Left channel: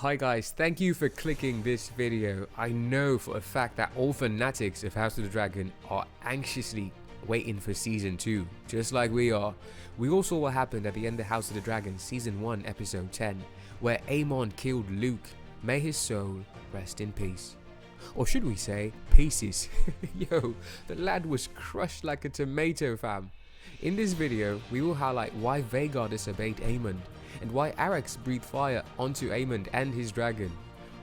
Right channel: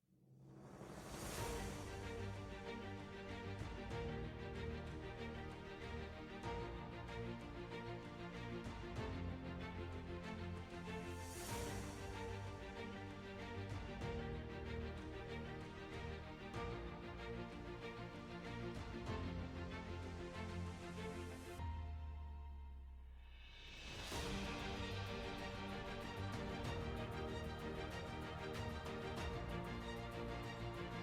Hi guys, thank you for clicking this video. I know for a fact that all fanatics of House of the Dragon are anxiously waiting for season 2, just like we are. We all saw what happened at the end of House of the Dragon season 1 episode 10, where Aemond killed Luke. May his soul rest in peace. Or should we say, pieces. Yo, the lad was crushed like a tomato, fam. In this video, we will highlight why Vhagar disobeyed Aemond, and why Arrax breathed fire onto Aemond and his dragon.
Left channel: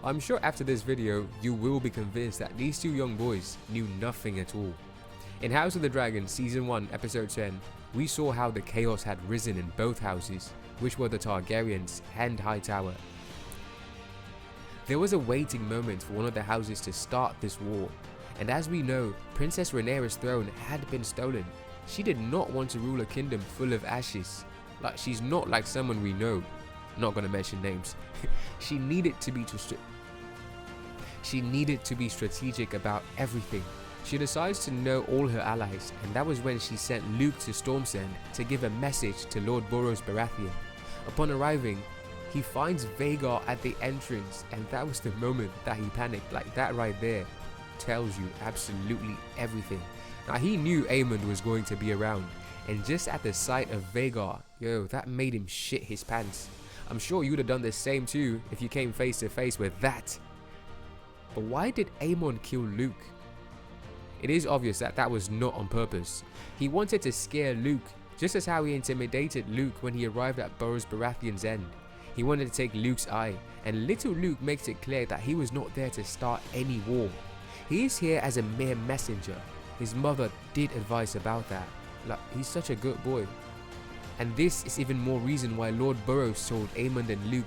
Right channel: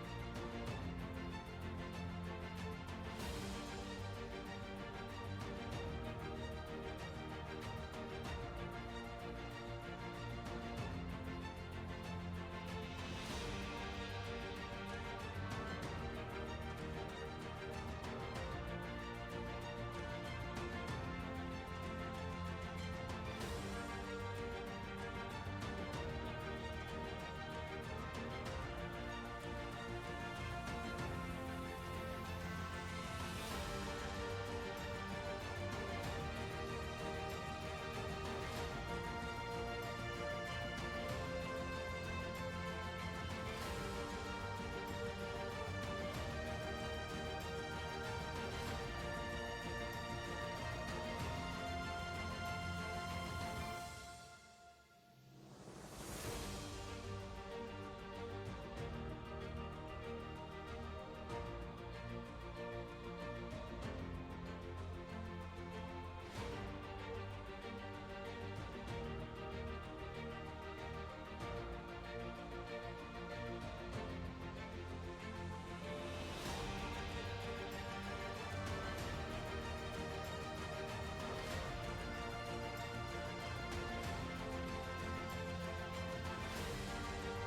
I'm sure after this video, you will be convinced that these two young boys knew nothing at all. In House of the Dragon Season 1 Episode 10, we saw how the chaos had risen in both houses, which were the Targaryens and Hightower. There was a waiting moment for one of the houses to start this war, and as we know, Princess Rhaenyra's throne had been stolen. She did not want to rule a kingdom full of ashes. Like, she's not like someone we know. Not gonna mention names. She needed to be strategic about everything. She decides to know all her allies, and that was when she sent Luke to Stormsend to give a message to Lord Lucerys Velaryon. Upon arriving, he finds Vhagar at the entrance, and that was the moment that he panicked. Like, that right there tells you absolutely everything. Now, he knew Aemond was going to be around, and just at the sight of Vhagar, yo, that made him shit his pants. I'm sure you would have done the same too if you came face to face with that. But why did Aemond kill Luke? It is obvious that that was not on purpose. He wanted to scare Luke, just as how he intimidated Luke when he arrived at Lucerys Baratheon's end. He wanted to take Luke's eye, and little Luke makes it clear that he was not there to start any war. He is here as a mere messenger. His mother did advise about that. Like, he's such a good boy. And this is even more reason why Lord Lucerys told Aemond and Luke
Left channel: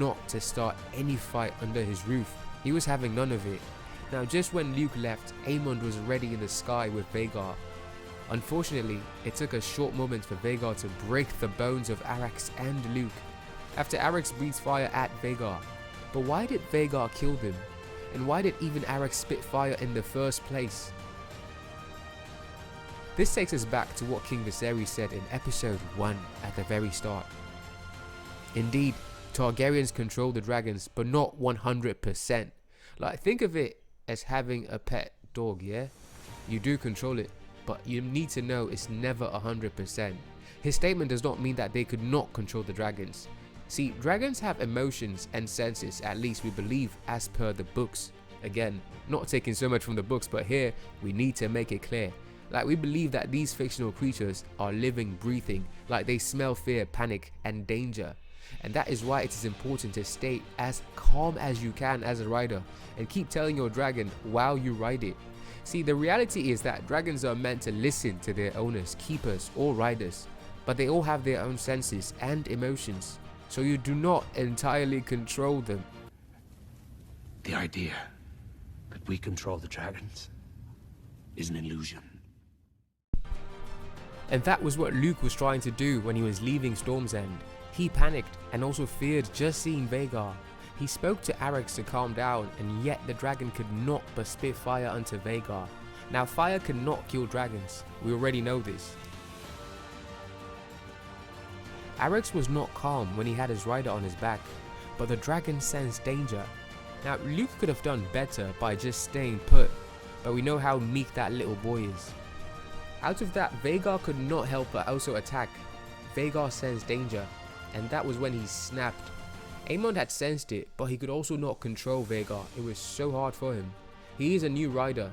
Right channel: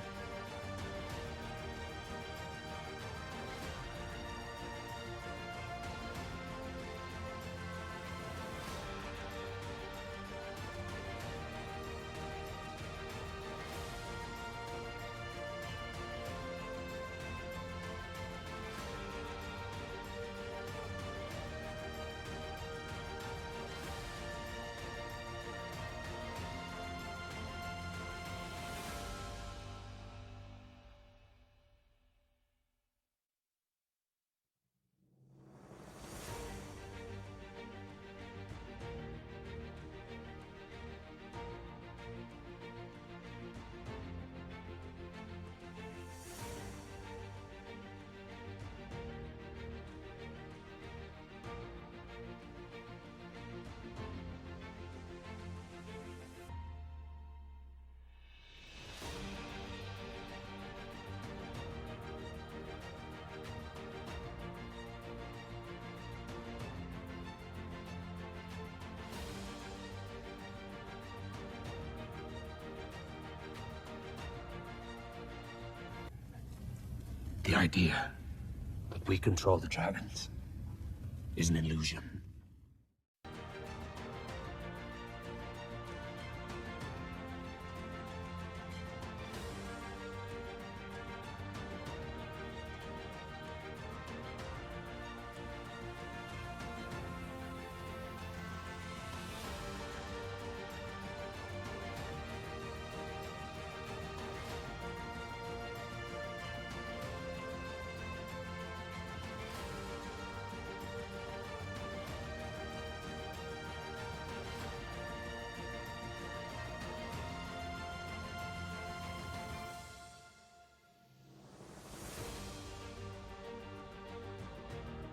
not to start any fight under his roof. He was having none of it. Now, just when Luke left, Aemond was already in the sky with Vhagar. Unfortunately, it took a short moment for Vhagar to break the bones of Arrax and Luke, after Arrax breathes fire at Vhagar. But why did Vhagar kill them? And why did even Arrax spit fire in the first place? This takes us back to what King Viserys said in episode 1 at the very start. Indeed, Targaryens control the dragons, but not 100%. Like, think of it as having a pet dog, yeah? You do control it, but you need to know it's never 100%. His statement does not mean that they could not control the dragons. See, dragons have emotions and senses, at least we believe as per the books. Again, not taking so much from the books, but here we need to make it clear. Like, we believe that these fictional creatures are living, breathing, like they smell fear, panic, and danger. And that is why it is important to stay as calm as you can as a rider, and keep telling your dragon while you ride it. See, the reality is that dragons are meant to listen to their owners, keepers, or riders, but they all have their own senses and emotions, so you do not entirely control them. The idea that we control the dragons is an illusion. And that was what Luke was trying to do when he was leaving Stormsend. He panicked and also feared just seeing Vhagar. He spoke to Arrax to calm down, and yet the dragon could not but spit fire onto Vhagar. Now, fire cannot kill dragons. We already know this. Arrax was not calm when he had his rider on his back, but the dragon sensed danger. Now, Luke could have done better by just staying put, but we know how meek that little boy is. Out of that, Vhagar could not help but also attack. Vhagar sensed danger, and that was when he snapped. Aemond had sensed it, but he could also not control Vhagar. It was so hard for him. He is a new rider,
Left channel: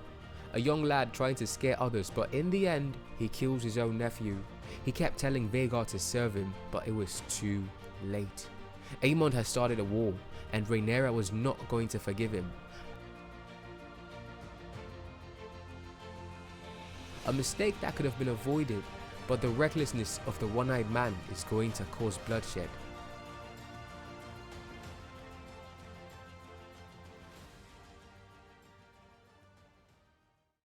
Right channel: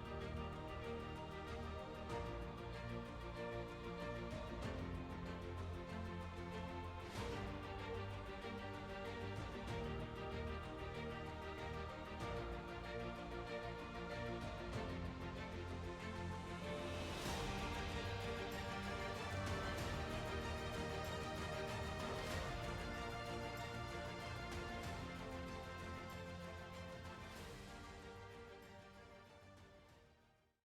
a young lad trying to scare others, but in the end, he kills his own nephew. He kept telling Vhagar to serve him, but it was too late. Aemond had started a war, and Rhaenyra was not going to forgive him. A mistake that could have been avoided, but the recklessness of the one-eyed man is going to cause bloodshed.